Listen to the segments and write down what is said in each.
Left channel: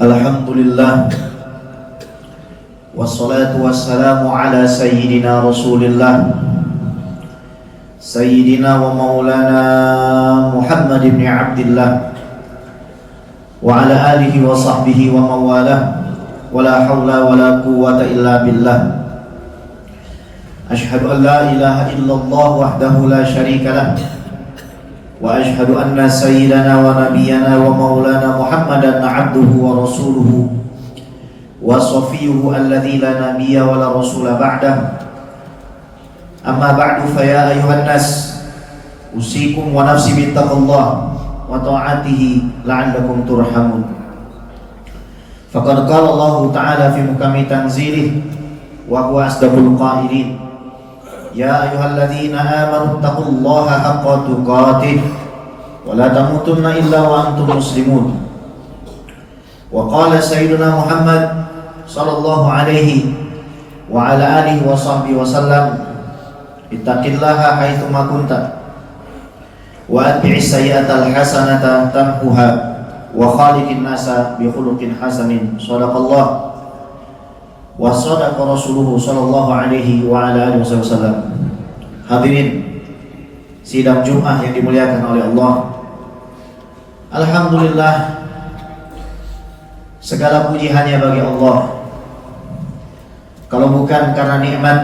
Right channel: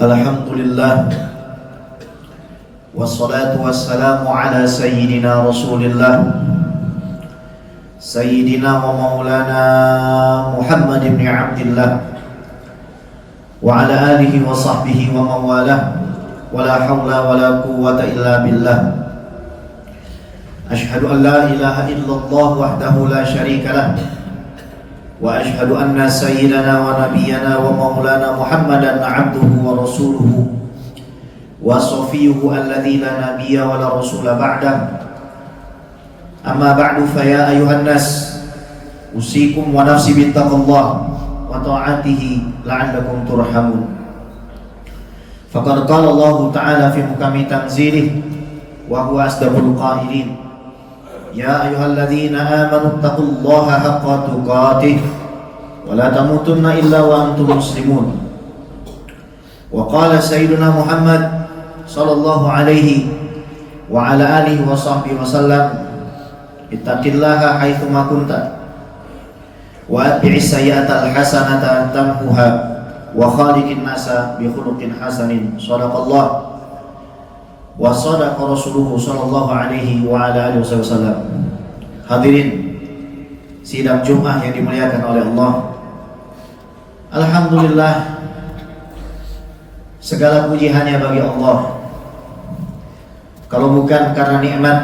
Alhamdulillah, wassalatu wassalamu ala sayyidina Rasulillah, sayyidina wa maulana Muhammad ibn Abdillah, wa ala alihi wa sahbihi wa mawalah, wa la hawla wa la quwwata illa billah. Ashhadu an la ilaha illallah wahdahu la syarika lah, wa ashhadu anna sayyidana wa nabiyyana wa maulana Muhammadan abduhu wa rasuluhu wa safiyuhu alladzi la nabiyya wa la rasula ba'dah. Amma ba'du, fa ya ayuhan nas, usikum wa nafsi bittaqullah wa ta'atihi la'allakum turhamun. Faqad qala Allah ta'ala fi mukami tanzilih wa huwa asdaqul qailin. Ya ayyuhalladzina amanu taqullaha haqqa tuqatih wa la tamutunna illa wa antum muslimun. Wa qala sayyiduna Muhammad sallallahu alaihi wa ala alihi wa sahbihi wa sallam, ittaqillaha haitsu ma kunta wa atbi'is sayyi'atal hasanata tamhuha wa khaliqin nasa bi khuluqin hasanin. Shadaqallah wa sadaqa rasuluhu sallallahu alaihi wa ala alihi wasallam. Hadirin sidang Jumat yang dimuliakan oleh Allah, alhamdulillah, segala puji hanya bagi Allah. Kalau bukan karena nikmat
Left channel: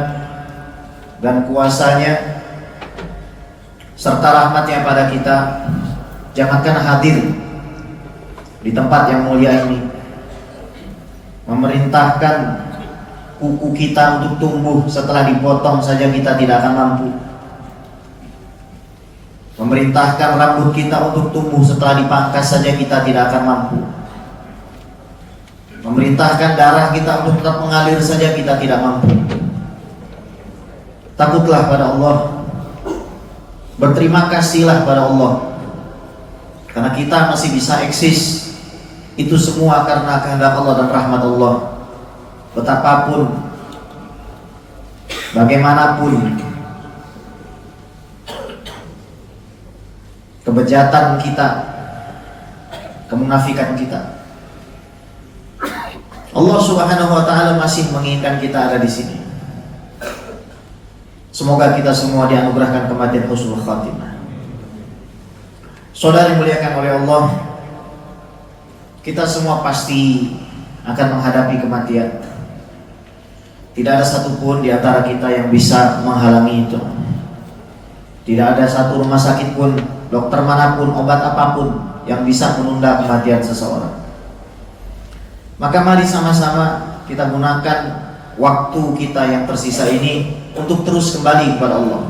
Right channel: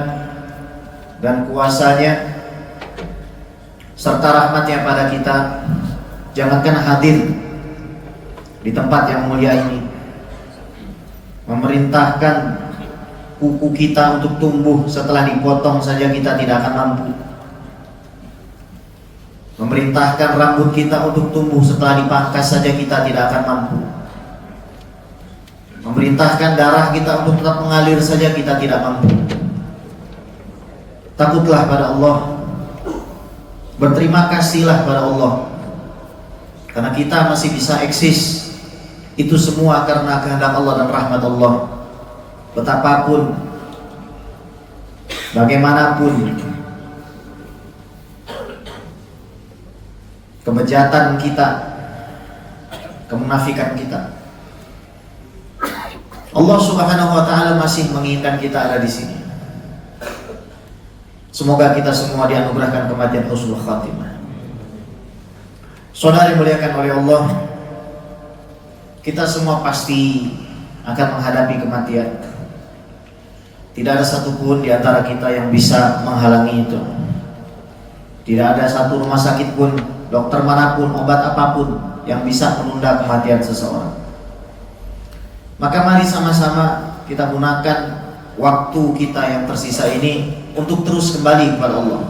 dan kuasanya serta rahmatnya pada kita, jangankan hadir di tempat yang mulia ini, memerintahkan kuku kita untuk tumbuh setelah dipotong saja kita tidak akan mampu. Memerintahkan rambut kita untuk tumbuh setelah dipangkas saja kita tidak akan mampu. Memerintahkan darah kita untuk tetap mengalir saja kita tidak mampu. Takutlah pada Allah, berterima kasihlah pada Allah, karena kita masih bisa eksis. Itu semua karena kehendak Allah dan rahmat Allah. Betapapun, bagaimanapun kebejatan kita, kemunafikan kita, Allah Subhanahu wa taala masih menginginkan kita ada di sini. Semoga kita semua dianugerahkan kematian husnul khatimah. Saudara dimuliakan oleh Allah, kita semua pasti akan menghadapi kematian. Tidak ada satupun di antara kita yang bisa menghalangi itu. Tidak ada satu rumah sakit pun, dokter manapun, obat apapun yang bisa menunda kematian seseorang. Maka mari sama-sama kita gunakan waktu kita yang tersisa ini untuk terus kembali kepada Allah.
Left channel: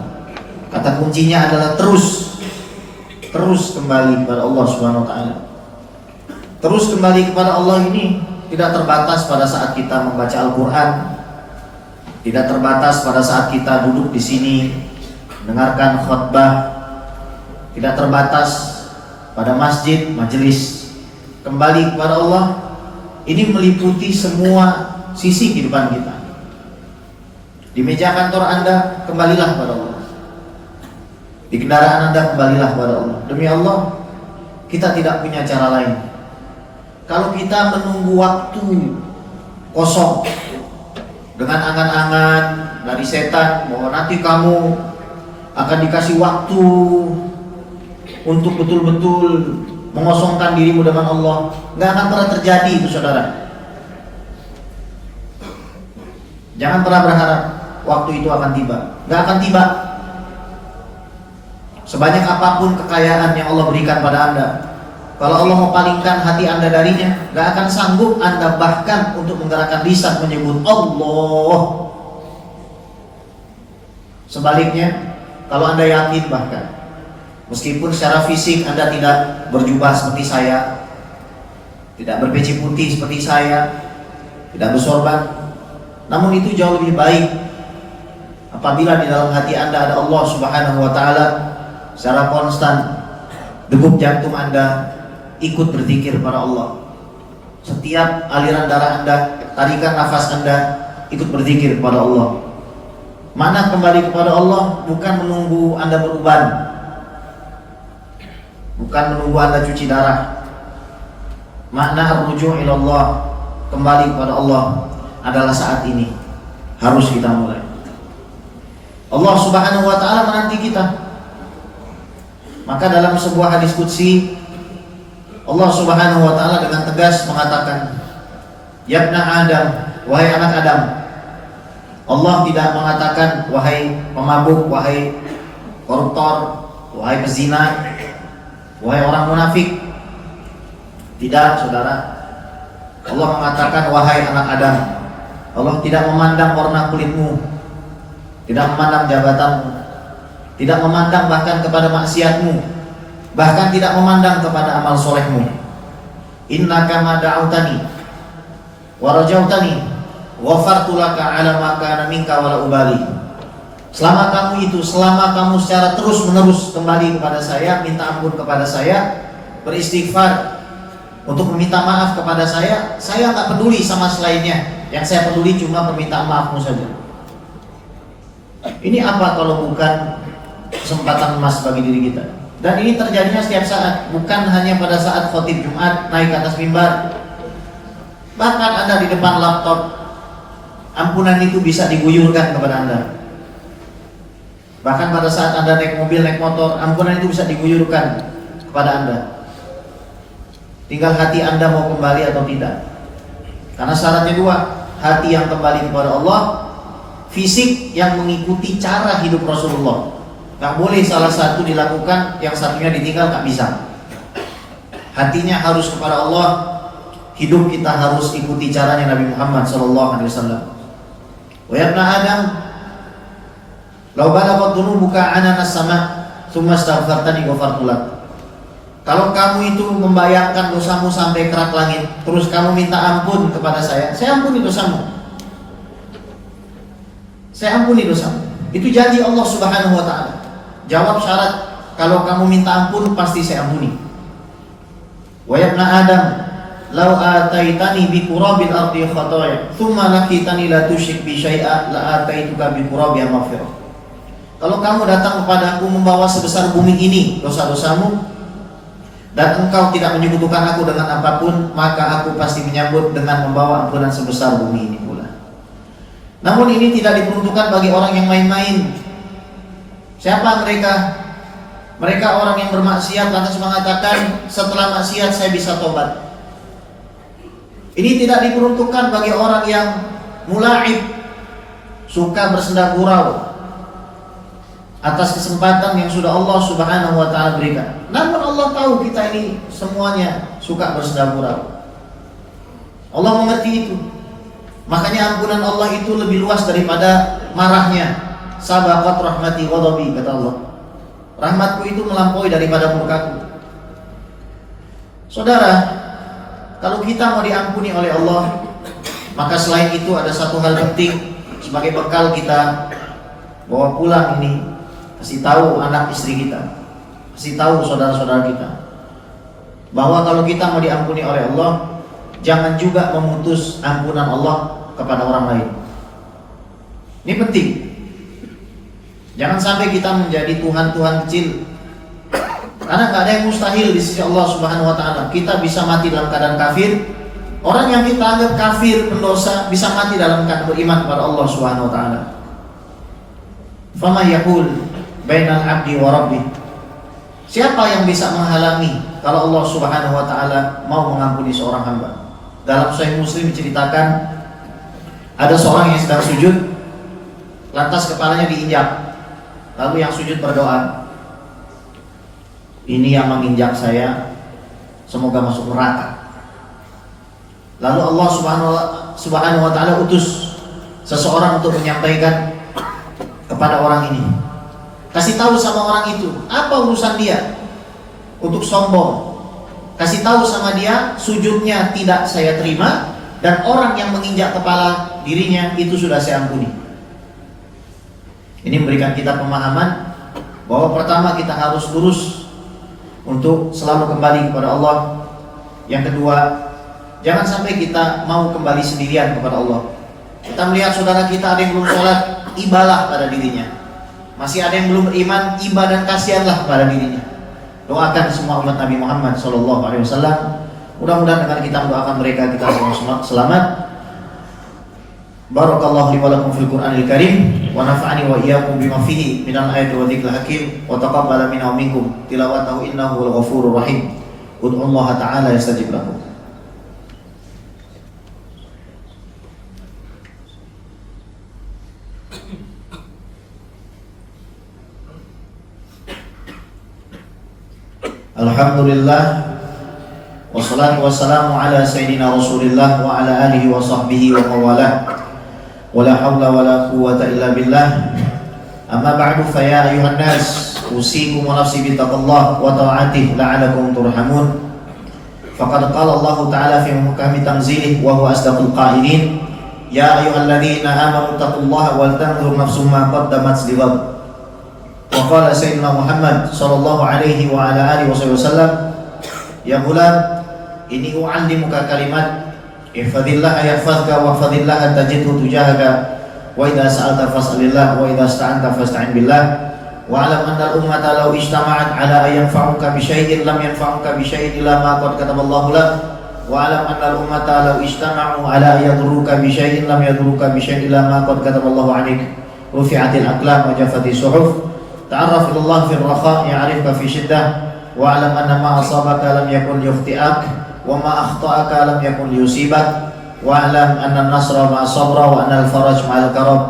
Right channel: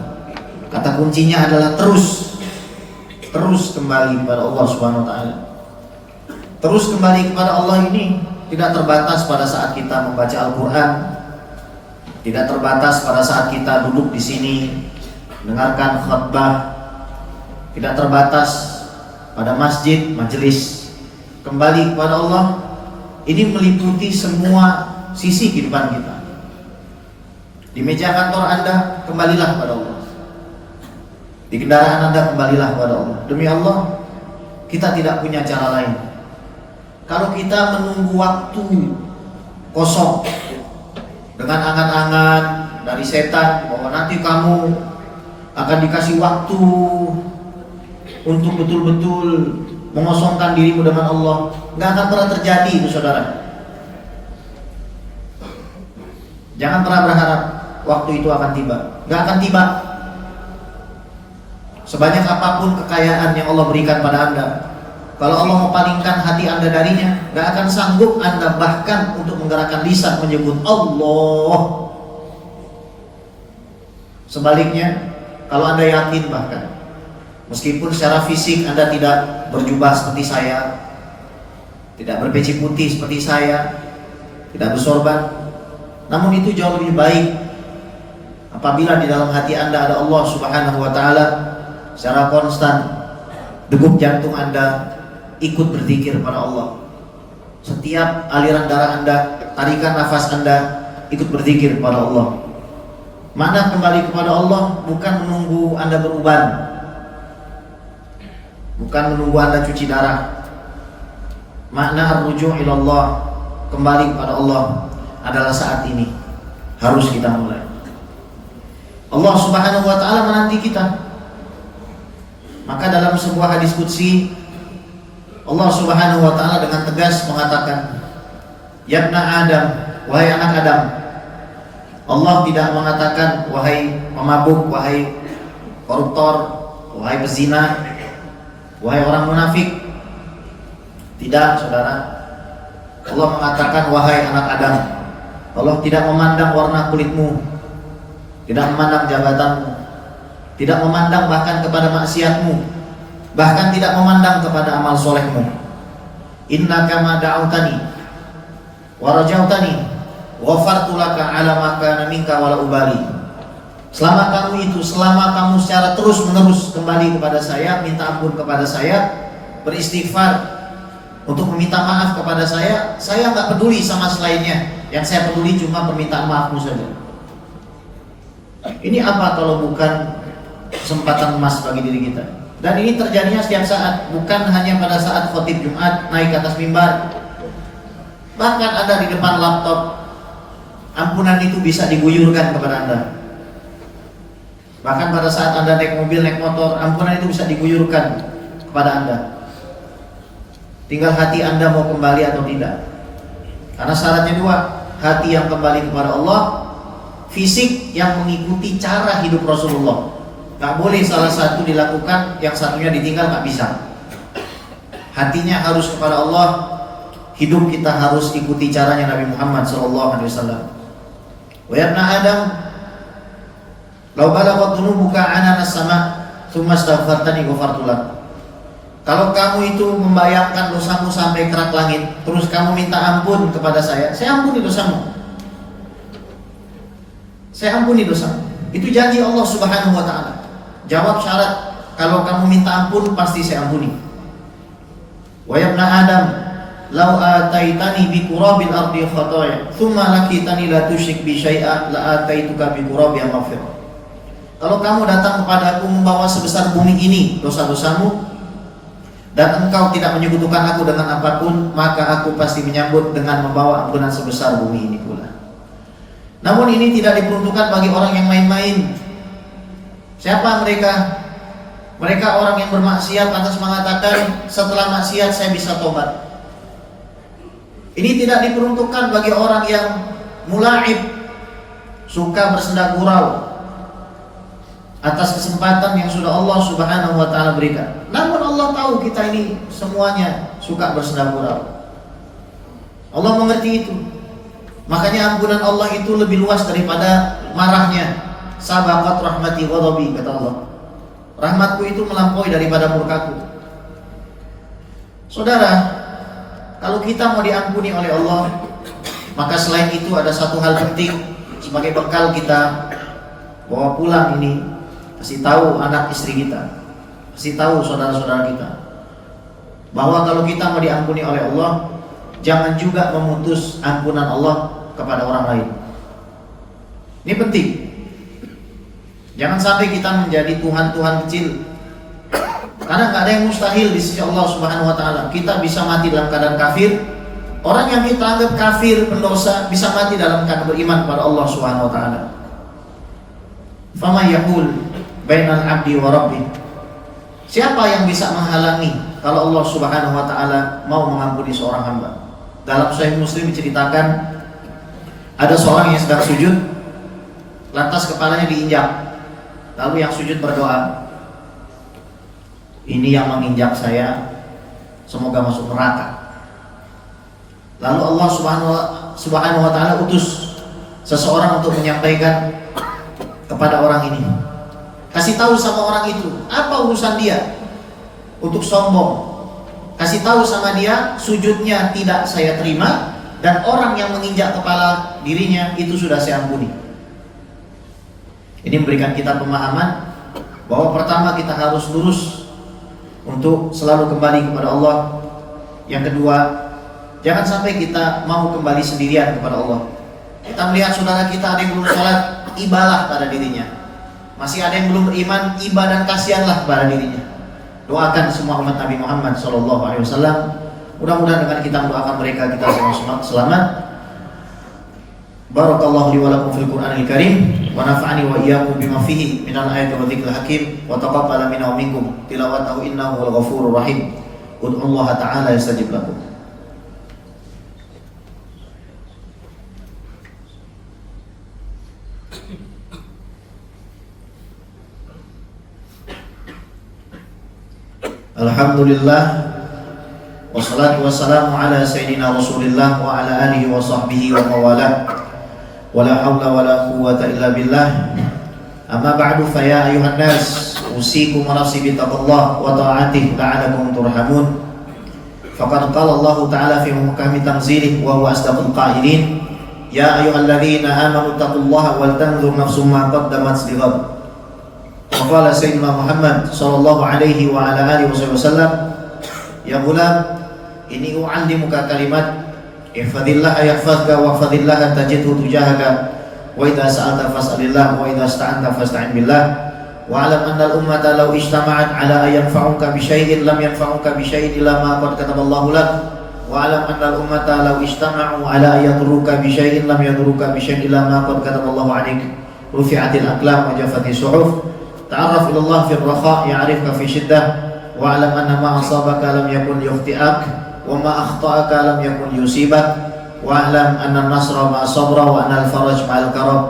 Kata kuncinya adalah terus kembali kepada Allah Subhanahu wa taala. Terus kembali kepada Allah ini tidak terbatas pada saat kita membaca Al-Quran, tidak terbatas pada saat kita duduk di sini mendengarkan khutbah, tidak terbatas pada masjid, majelis. Kembali kepada Allah ini meliputi semua sisi kehidupan kita. Di meja kantor Anda, kembalilah kepada Allah. Di kendaraan Anda, kembalilah kepada Allah. Demi Allah, kita tidak punya cara lain. Kalau kita menunggu waktu kosong dengan angan-angan dari setan bahwa nanti kamu akan dikasih waktu untuk betul-betul mengosongkan dirimu dengan Allah, nggak akan pernah terjadi itu, saudara. Jangan pernah berharap waktu itu akan tiba, nggak akan tiba. Sebanyak apapun kekayaan yang Allah berikan pada Anda, kalau Allah mau palingkan hati Anda darinya, gak akan sanggup Anda bahkan untuk menggerakkan lisan menyebut Allah. Sebaliknya, kalau Anda yakin bahkan, meskipun secara fisik Anda tidak berjubah seperti saya, tidak berpeci putih seperti saya, tidak bersorban, namun itu jauh lebih baik apabila di dalam hati Anda ada Allah Subhanahu wa taala. Secara konstan degup jantung Anda ikut berzikir pada Allah. Setiap aliran darah Anda, tarikan nafas Anda ikut berzikir kepada Allah. Mana kembali kepada Allah bukan menunggu Anda beruban, bukan menunggu Anda cuci darah, Makna rujuk ilallah, kembali kepada Allah, adalah saat ini. Harus kita mulai. Allah Subhanahu wa ta'ala menanti kita. Maka dalam sebuah hadis qudsi, Allah Subhanahu wa ta'ala dengan tegas mengatakan, "Ya ibna Adam, wahai anak Adam." Allah tidak mengatakan wahai pemabuk, wahai koruptor, wahai pezina, wahai orang munafik. Tidak, saudara. Allah mengatakan wahai anak Adam. Allah tidak memandang warna kulitmu, tidak memandang jabatanmu, tidak memandang bahkan kepada maksiatmu, bahkan tidak memandang kepada amal solehmu. Innaka ma da'autani wa rajautani ghafartu laka ala ma kana minka wala ubali. Selama kamu secara terus menerus kembali kepada saya, minta ampun kepada saya, beristighfar untuk meminta maaf kepada saya nggak peduli sama selainnya. Yang saya peduli cuma permintaan maafmu saja. Ini apa kalau bukan kesempatan emas bagi diri kita? Dan ini terjadinya setiap saat, bukan hanya pada saat khotib Jumat naik ke atas mimbar. Bahkan Anda di depan laptop, ampunan itu bisa diguyurkan kepada Anda. Bahkan pada saat Anda naik mobil, naik motor, ampunan itu bisa diguyurkan kepada Anda. Tinggal hati Anda mau kembali atau tidak. Karena syaratnya dua, hati yang kembali kepada Allah, fisik yang mengikuti cara hidup Rasulullah. Gak boleh salah satu dilakukan, yang satunya ditinggal, gak bisa. Hatinya harus kepada Allah, hidup kita harus ikuti caranya Nabi Muhammad SAW. Wa ya ibna Adam, law balaghat dhunubuka ananas sama, tsumma astaghfartani ghafartu lak. Kalau kamu itu membayangkan dosamu sampai kerak langit, terus kamu minta ampun kepada saya ampuni dosamu. Saya ampuni dosamu. Itu janji Allah Subhanahu wa ta'ala. Jawab syarat, kalau kamu minta ampun pasti saya ampuni. Wa ya ibna Adam, law ataitani bi qurabil ardi khataya, tsumma laqitani la tusyrik bi syai'a la ataituka bi qurabiha maghfirah. Kalau kamu datang kepadaku membawa sebesar bumi ini dosa-dosamu, dan engkau tidak menyekutukan aku dengan apapun, maka aku pasti menyambut dengan membawa ampunan sebesar bumi ini pula. Namun ini tidak diperuntukkan bagi orang yang main-main. Siapa mereka? Mereka orang yang bermaksiat lantas mengatakan setelah maksiat saya bisa tobat. Ini tidak diperuntukkan bagi orang yang mulaib, suka bersenda gurau atas kesempatan yang sudah Allah Subhanahu wa ta'ala berikan. Namun Allah tahu kita ini semuanya suka bersenda gurau. Allah mengerti itu. Makanya ampunan Allah itu lebih luas daripada marahnya. Sabaqat rahmati ghadabi, kata Allah. Rahmatku itu melampaui daripada murkaku. Saudara, kalau kita mau diampuni oleh Allah, maka selain itu ada satu hal penting sebagai bekal kita bawa pulang ini. Kasih tahu anak istri kita, kasih tahu saudara-saudara kita, bahwa kalau kita mau diampuni oleh Allah, jangan juga memutus ampunan Allah kepada orang lain. Ini penting. Jangan sampai kita menjadi Tuhan-Tuhan kecil. Karena gak ada yang mustahil di sisi Allah Subhanahu wa ta'ala. Kita bisa mati dalam keadaan kafir. Orang yang kita anggap kafir, pendosa, bisa mati dalam keadaan beriman kepada Allah Subhanahu wa ta'ala. Fama yaqul bainal abdi wa rabbih. Siapa yang bisa menghalangi kalau Allah Subhanahu wa ta'ala mau mengampuni seorang hamba? Dalam Sahih Muslim diceritakan, ada seorang yang sedang sujud, lantas kepalanya diinjak. Lalu yang sujud berdoa, ini yang menginjak saya, semoga masuk neraka. Lalu Allah Subhanahu wa ta'ala utus seseorang untuk menyampaikan kepada orang ini, kasih tahu sama orang itu, apa urusan dia untuk sombong. Kasih tahu sama dia, sujudnya tidak saya terima, dan orang yang menginjak kepala dirinya itu sudah saya ampuni. Ini memberikan kita pemahaman bahwa pertama kita harus lurus untuk selalu kembali kepada Allah. Yang kedua, jangan sampai kita mau kembali sendirian kepada Allah. Kita melihat saudara kita ada yang belum sholat, ibalah pada dirinya. Masih ada yang belum beriman, ibadah dan kasihanlah pada dirinya. Doakan semua umat Nabi Muhammad SAW, Mudah-mudahan dengan kita mendoakan mereka kita semua selamat. Barakallahu li wa lakum fil Qur'anil Karim wa nafa'ani wa iyyakum bima fihi minal ayati wa dzikril hakim wa taqabbala minna wa minkum tilawatahu innahu wal ghafurur rahim. Ud'ullaha ta'ala yastajib lakum. Alhamdulillah wassalatu wassalamu ala sayyidina Rasulillah wa ala alihi wa sahbihi wa mawalah. Wala hawla wala quwwata illa billah. Amma ba'du fa ya ayuhan nas usikum wa nafsi bi taqwallah wa ta'atihi la'alakum turhamun. Faqad qala Allah ta'ala fi muhkami tanzilih wa huwa asdaqul qailin. Ya ayyuhalladzina amanu taqullaha wal tanzur nafsum ma qaddamat lighad. Wa qala sayyidina Muhammad sallallahu alaihi wa ala alihi wasallam, ya gulam, ini u'allimuka kalimat ihfadillah yahfazka wa ihfadillah tajidhu tujahaka wa idza sa'alta fas'alillah wa idza ista'anta fasta'in billah wa alam anna al-ummata law ijtama'at ala an yanfa'uka bi syai'in lam yanfa'uka bi syai'in illa ma qad kataballahu lak wa alam anna al-ummata law ijtama'u ala an yadurruka bi syai'in lam yadurruka bi syai'in illa ma qad kataballahu 'alaik rufi'atil aqlam wa jaffatis suhuf. Ta'arraf ila Allah fi ar-rakha' ya'rifka fi shiddah wa alam anna ma asabaka lam yakun yukhti'ak wa ma akhta'aka lam yakun yusibak wa alam anna an-nasra ma'a sabra wa anna al-faraj ma'al karab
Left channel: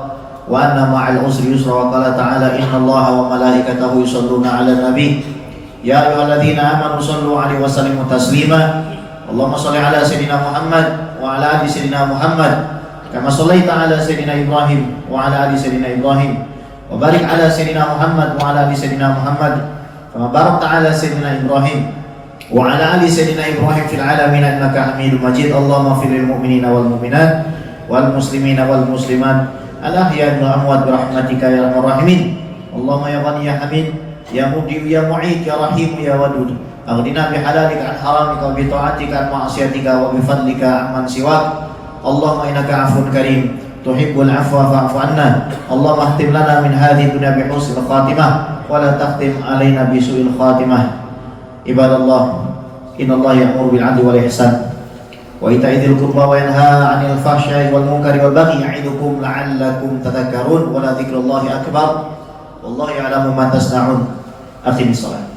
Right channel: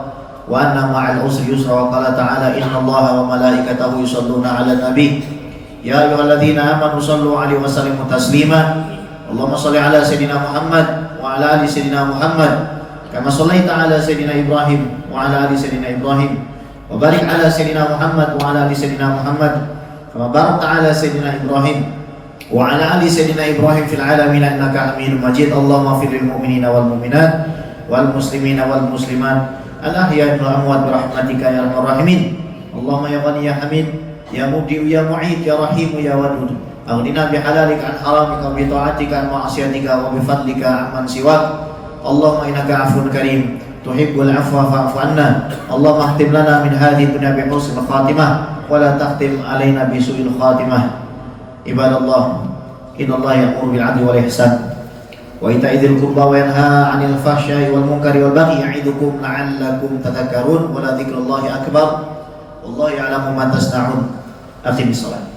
wa anna ma'al usri yusra. Wa qala ta'ala inna Allaha wa malaikatahu yusalluna 'alan nabi ya ayyuhalladzina amanu sallu 'alaihi wa sallimu taslima. Allahumma shalli 'ala sayyidina Muhammad wa 'ala ali sayyidina Muhammad kama shallaita 'ala sayyidina Ibrahim wa 'ala ali sayyidina Ibrahim wa barik 'ala sayyidina Muhammad wa 'ala ali sayyidina Muhammad kama barakta 'ala sayyidina Ibrahim wa 'ala ali sayyidina Ibrahim fil 'alamin innaka Hamidum Majid. Allahumma ighfir lil mu'minina wal mu'minat wal muslimina wal muslimat al ahya'i wal amwat bi rahmatika ya arhamar rahimin. Allahumma ya Ghani ya Hamid ya Mubdi ya Mu'id ya Rahim ya Wadud aghnina bi halalika an haramika bi ta'atika an ma'asiyatika wa bi fadlika amman siwak. Allahumma innaka 'afuwun karim tuhibbul 'afwa fa'fu 'anna. Allahumma khtim lana min hadhihi dunya bi husnil khatimah wa la takhtim 'alaina bi su'il khatimah. Ibadallah, innallaha ya'muru bil 'adli wal ihsan wa ita'i dzil qurba wa yanha 'anil fahsya'i wal munkari wal baghi ya'idukum la'allakum tadhakkarun wa la dzikrullahi akbar wallahu ya'lamu ma tasna'un. Aqimis shalah.